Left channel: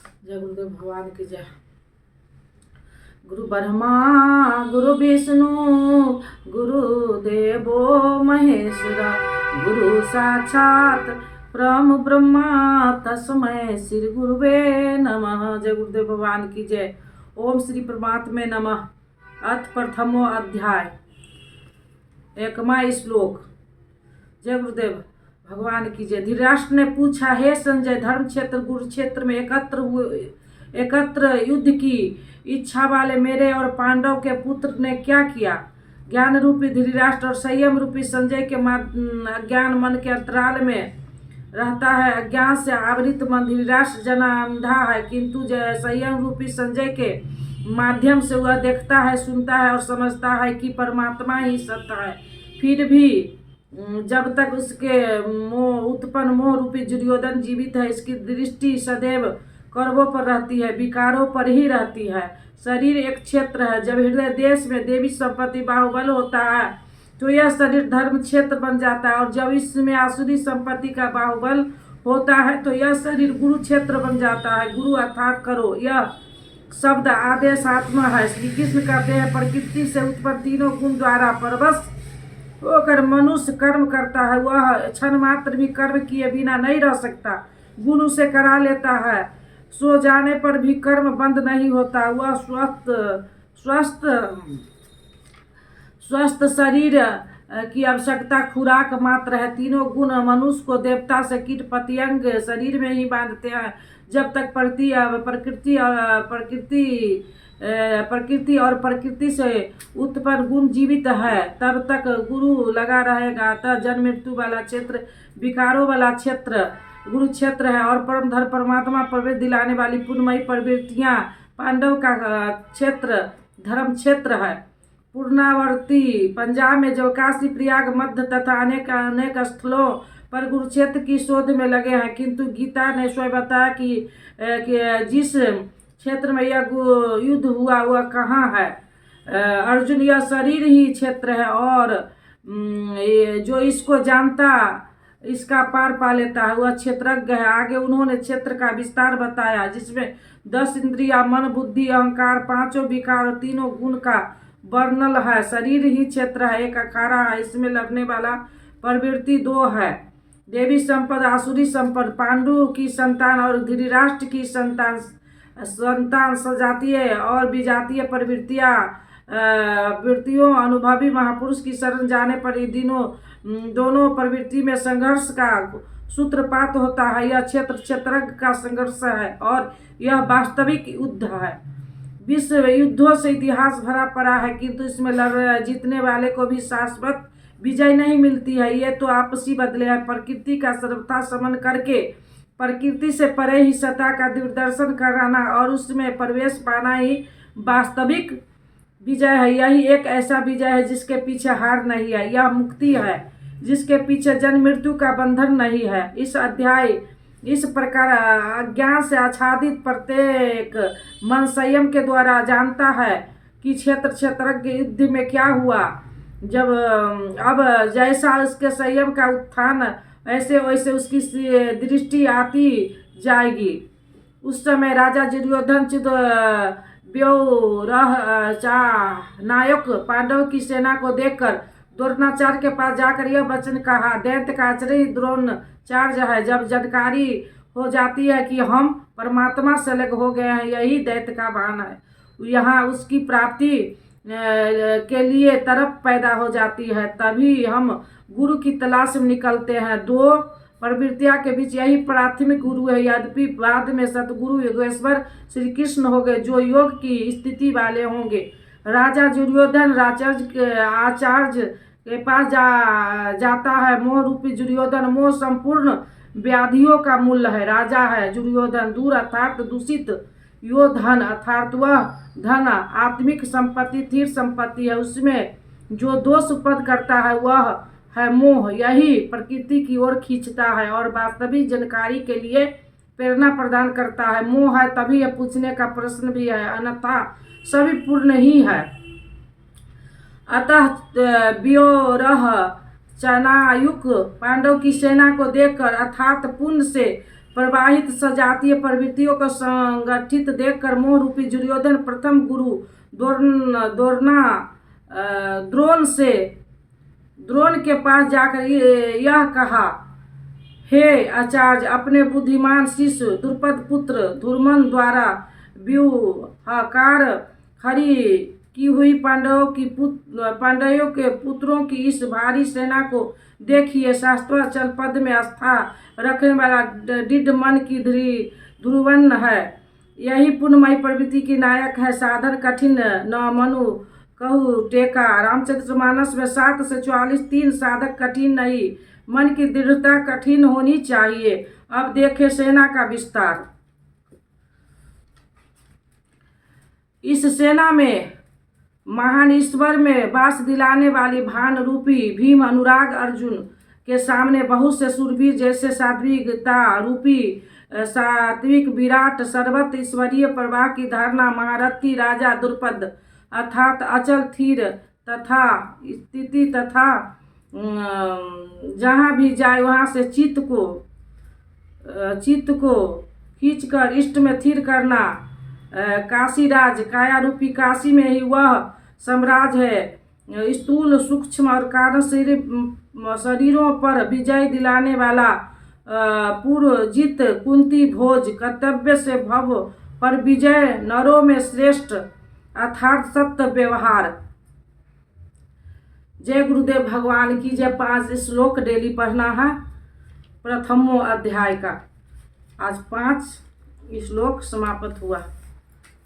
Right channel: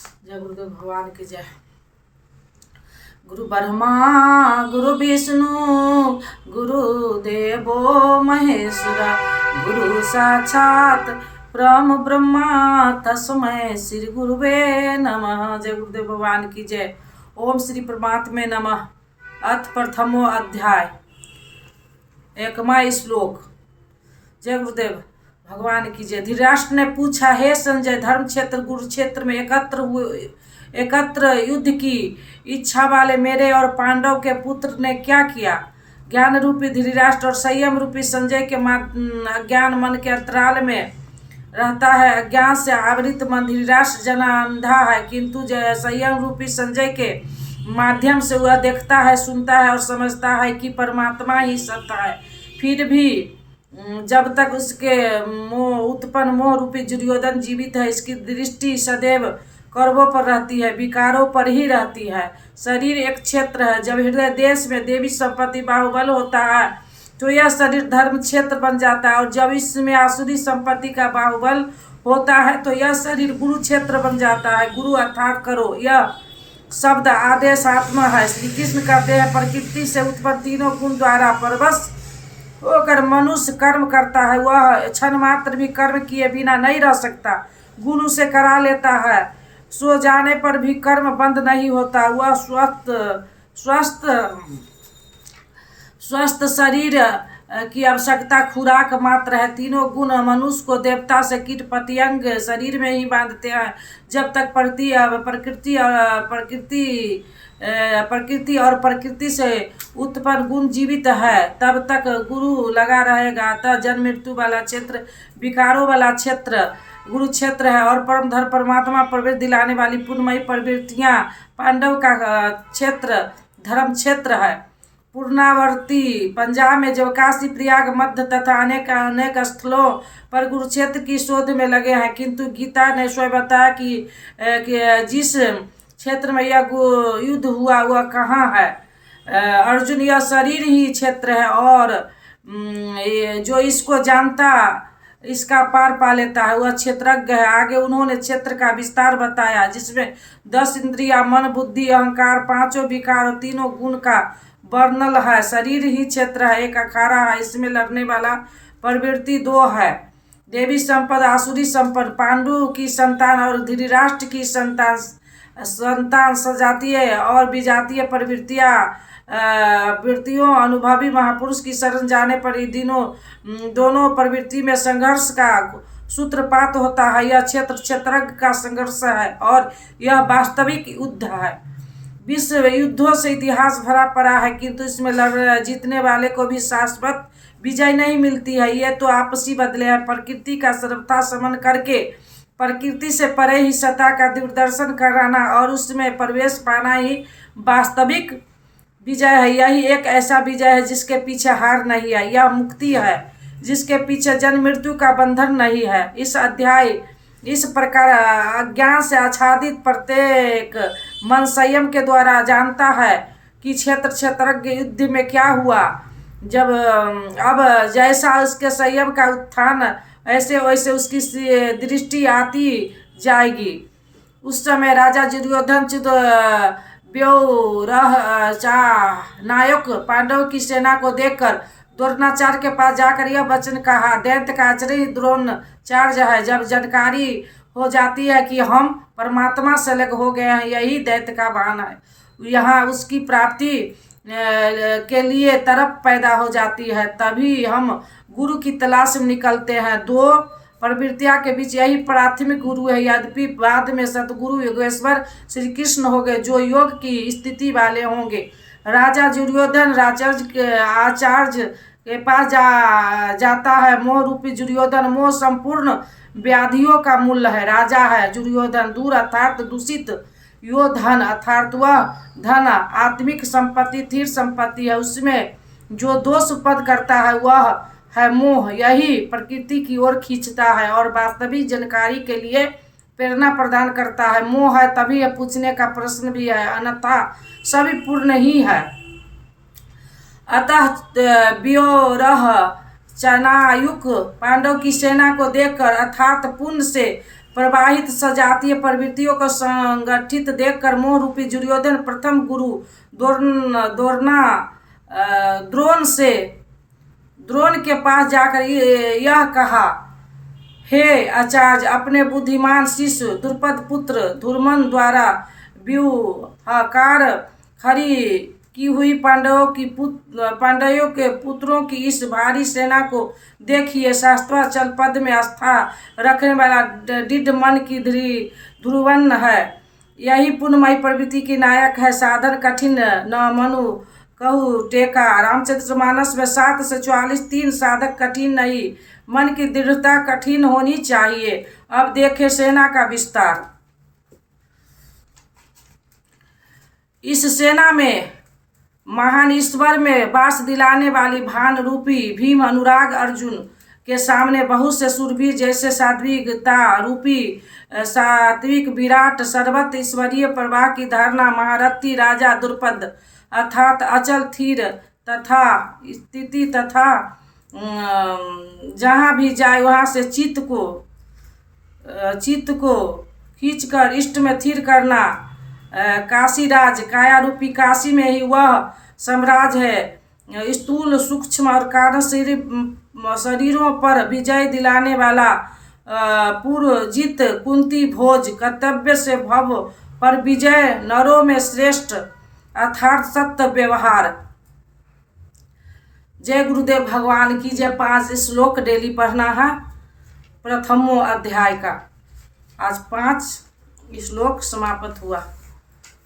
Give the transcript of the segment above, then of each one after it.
जय गुरुदेव भगवान की जय। गुरु ब्रह्मा गुरु विष्णु गुरु देवो महेश्वरा गुरु साक्षात परम ब्रह्मा तस्मै श्री गुरुवे नमः। जय गुरुदेव भगवान की जय। ओम श्री परमात्मे नमः। अथ प्रथमो अध्याय एकमा श्लोक। जय गुरुदेव भगवान की जय। धृतराष्ट्र ने पूछा, हे संजय, धर्म क्षेत्र कुरुक्षेत्र में एकत्र युद्ध की इच्छा वाले मेरे और पांडव के पुत्र ने क्या किया? ज्ञान रूपी धृतराष्ट्र और संयम रूपी संजय के अज्ञान मन के अंतराल में रहता है। अज्ञान से आवृत मन धृतराष्ट्र जना अंधा है, किंतु संयम रूपी संजय के माध्यम से वह देखता है, सुनता है और समझता है कि परमात्मा ही सत्य है। फिर भी जब तक उसके उत्पन्न मोह रूपी दुर्योधन जीवित है, इसकी दृष्टि सदैव कौरवों पर रहती है, विकारों पर ही रहती है। शरीर एक क्षेत्र है। जब हृदय देश में देवी संपत्ति बाहुबल होता है तो यह शरीर धर्म क्षेत्र बन जाता है, और जब इसमें आसुरी संपत्ति का बाहुबल होता है तो यह शरीर गुरु क्षेत्र बन जाता है। गुरु अर्थात करो, यह शब्द आदेश आत्मा है। श्री कृष्ण कहते हैं, प्रकृति से उत्पन्न तीनों गुण द्वारा परवश होकर मनुष्य कर्म करता है। वह क्षण मात्र भी कर्म किए बिना नहीं रह सकता। गुण उसे करा लेता है। सो जाने पर भी कर्म बंद नहीं होता। वह स्वस्थ शरीर की आवश्यकता खुराक मात्र है। तीनों गुण मनुष्य को देवता से कीट पतंग शरीर में ही बांधते हैं। जब तक प्रकृति और प्रकृति से उत्पन्न गुण जीवित है, तब तक गुरु लगा रहेगा। अतः जन्म मृत्यु वाला क्षेत्र, विकारों वाला क्षेत्र गुरु क्षेत्र है, और परम धर्म परमात्मा प्रवृत्ति दिलाने वाली पुण्यमयी प्रवृत्तियां पांडव का क्षेत्र धर्म क्षेत्र है। पूर्णावर्ती पंजाब में जब काशी, प्रयाग, मध्य तथा अनेक स्थलों पर कुरुक्षेत्र की शोध में लगे हैं, किंतु गीता ने स्वयं बताया कि जिस क्षेत्र में यह युद्ध हुआ वह कहाँ है। अर्जुन, यह शरीर ही क्षेत्र है, और जो इसको जानता इसका पार पा लेता है वह क्षेत्रज्ञ है। आगे उन्होंने क्षेत्र का विस्तार बताया, जिसमें 10 इंद्रिया, मन, बुद्धि, अहंकार, पांचों विकार और तीनों गुण का वर्णन है। शरीर ही क्षेत्र है। एक अखाड़ा है, इसमें लड़ने वाला प्रवृत्ति 2 है। देवी संपद, आसुरी संपद, पांडु की संतान और धृतराष्ट्र की संतान सजातीय और विजातीय वृत्तियों अनुभवी महापुरुष की शरण जाने पर दोनों प्रवृत्ति में संघर्ष का सूत्रपात होता है। यह क्षेत्रज्ञ का संघर्ष है, और यह वास्तविक युद्ध है। विश्व युद्धों से इतिहास भरा पड़ा है, किंतु इसमें जीतने वाले को भी शाश्वत विजय नहीं मिलती है। ये तो आपसी बदले हैं। प्रकृति का सर्वथा समन करके प्रकृति से परे ही सत्ता का दूरदर्शन कराना और उसमें प्रवेश पाना ही वास्तविक विजय है। यही एक ऐसा विजय है जिसके पीछे हार नहीं है। यह मुक्ति है जिसके पीछे जन्म मृत्यु का बंधन नहीं है। इस अध्याय इस प्रकार अज्ञान से आच्छादित प्रत्येक मन संयम के द्वारा जानता है कि क्षेत्रज्ञ युद्ध में क्या हुआ। अब जैसा उसके संयम का उत्थान, ऐसे वैसे उसकी दृष्टि आती जाएगी। उस समय राजा दुर्योधन नायक पांडव की सेना को देखकर द्रोणाचार्य के पास जाकर यह वचन कहा, दैत्य का आचार्य द्रोणाचार्य है। जब जानकारी हो जाती है कि हम परमात्मा से अलग हो गए हैं, यही दैत्य का बहाना है। यहाँ उसकी प्राप्ति के लिए तरफ पैदा हो जाती है। तभी हम गुरु की तलाश में निकलते हैं। 2 प्रवृत्तियां के बीच यही प्राथमिक गुरु है। यद्यपि बाद में सतगुरु योगेश्वर श्री कृष्ण हो गए, जो योग की स्थिति वाले होंगे। राजा दुर्योधन आचार्य के पास जाता है। मोह रूपी दुर्योधन, मोह संपूर्ण व्याधियों का मूल है। राजा है दुर्योधन। दूर अर्थात दूषित, यो धन अर्थात वह धन आत्मिक संपत्ति, स्थिर संपत्ति है। उसमें जो दोष उत्पन्न करता है वह है मोह। यही प्रकृति की ओर खींचता है और वास्तविक जानकारी के लिए प्रेरणा प्रदान करता है। मोह है तभी यह पूछने का प्रश्न भी है, अन्यथा सभी पूर्ण ही है। अतः व्योरह चनायुक पांडव की सेना को देखकर अर्थात पुण्य से प्रवाहित सजातीय प्रवृत्तियों को संगठित देखकर मोह रूपी दुर्योधन प्रथम गुरु द्रोण के पास जाकर यह कहा, हे आचार्य, अपने बुद्धिमान शिष्य द्रुपद पुत्र धूर्मन द्वारा व्यूहाकार खड़ी की हुई पांडवों के पुत्रों की इस भारी सेना को देखिए। शास्त्राचल पद में आस्था रखने वाला दृढ़ मन की ध्रुवन है। यही पुण्यमयी प्रवृत्ति की नायक है। साधन कठिन न मनु कहू टेका। रामचरितमानस में 7 से 44 3 साधक कठिन नहीं, मन की दृढ़ता कठिन होनी चाहिए। अब देखें सेना का विस्तार। इस सेना में महान ईश्वर में वास दिलाने वाली भान रूपी भीम, अनुराग अर्जुन के सामने बहुत से सूरवीर जैसे सात्विकता रूपी सात्विक विराट सर्वत्र ईश्वरीय प्रवाह की धारणा महारथी राजा द्रुपद अर्थात अचल स्थिर तथा स्थिति तथा जहाँ भी जाए वहाँ से चित्त को खींचकर इष्ट में स्थिर करना। काशीराज काया रूपी काशी में ही वह साम्राज्य है। स्थूल सूक्ष्म और कारण शरीरों पर विजय दिलाने वाला पूर्वजित कुंती भोज कर्तव्य से भव पर विजय नरों में श्रेष्ठ अर्थात सत्य व्यवहार। जय गुरुदेव भगवान की जय। 5 श्लोक डेली पढ़ना है प्रथमो अध्याय का। आज 5 श्लोक समाप्त हुआ।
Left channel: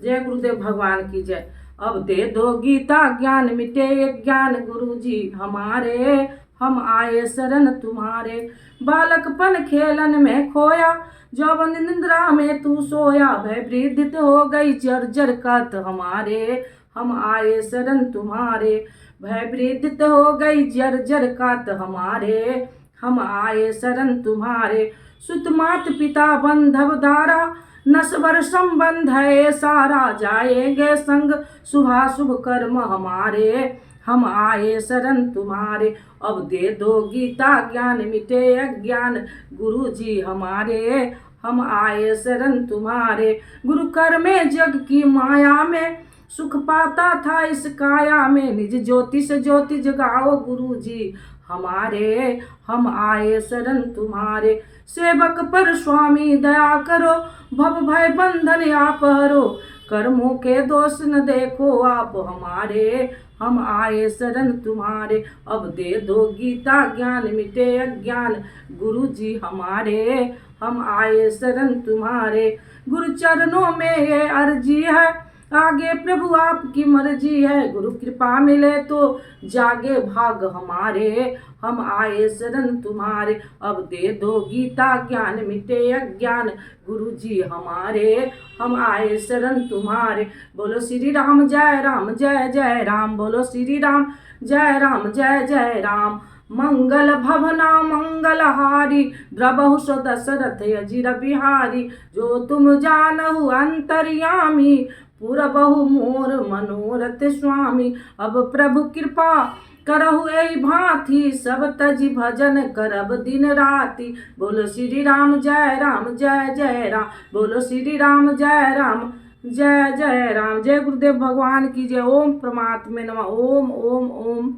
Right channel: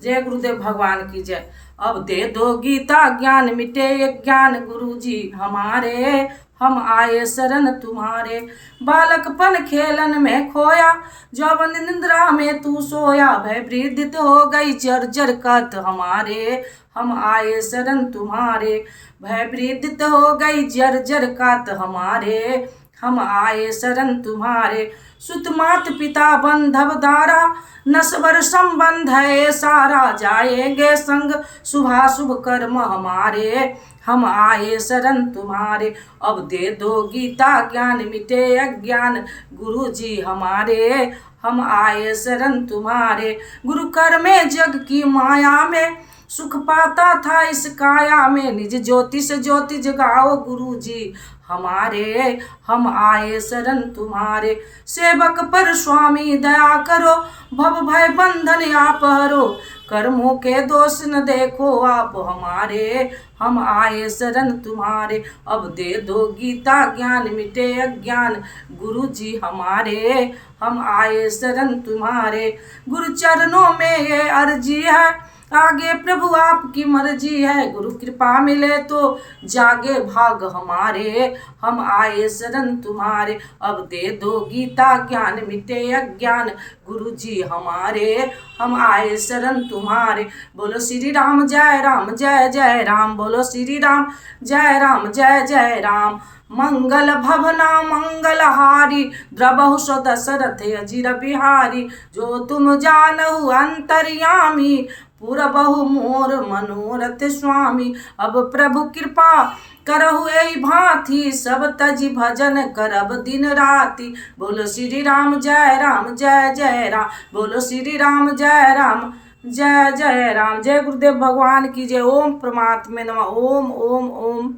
जय गुरुदेव भगवान की जय। अब दे दो गीता ज्ञान मिटे ज्ञान गुरुजी हमारे, हम आए शरण तुम्हारे। बालकपन खेलन में खोया, जब निंद्रा में तू सोया। भय वृद्धित हो गई जर्जर कत हमारे, हम आए शरण तुम्हारे। भय वृद्धित हो गई जर्जर कत हमारे, हम आए शरण तुम्हारे। सुत मात पिता बंधव दारा, नस्वर संबंध है सारा। जाएंगे संग शुभाशुभ कर्म हमारे, हम आए शरण तुम्हारे। अब दे दो गीता ज्ञान मिटे अज्ञान गुरुजी हमारे, हम आए शरण तुम्हारे। गुरु कर में जग की माया में सुख पाता था इस काया में। निज ज्योति से ज्योति जगाओ गुरुजी हमारे, हम आए शरण तुम्हारे। सेवक पर स्वामी दया करो, भव भय बंधन आप हरो। कर्मों के दोष न देखो आप हमारे, हम आए शरण तुम्हारे। अब दे दो गीता ज्ञान मिटे अज्ञान गुरुजी हमारे, हम आए शरण तुम्हारे। गुरु चरणों में ये अर्जी है, आगे प्रभु आपकी मर्जी है। गुरु कृपा मिले तो जागे भाग हमारे, हम आए शरण तुम्हारे। अब दे दो गीता ज्ञान मिटे अज्ञान गुरुजी हमारे, हम आए शरण तुम्हारे। बोलो श्री राम जय राम जय जय राम। बोलो श्री राम जय राम जय जय राम। मंगल भवना मंगलहारी, द्रबहु सो दशरथ अजिर बिहारी। जो तुम जानहु अंतर्यामी, पुरबहु मोर मनोरथ स्वामी। अब प्रभु कृपा करहु एहि भांति, सब तजी भजन करब दिन राति। बोलो श्री राम जय राम जय जय राम। बोलो श्री राम जय राम जय जय राम। जय गुरुदेव भगवान की जय। ओम परमात्मे नमः। ओम ओम ओम।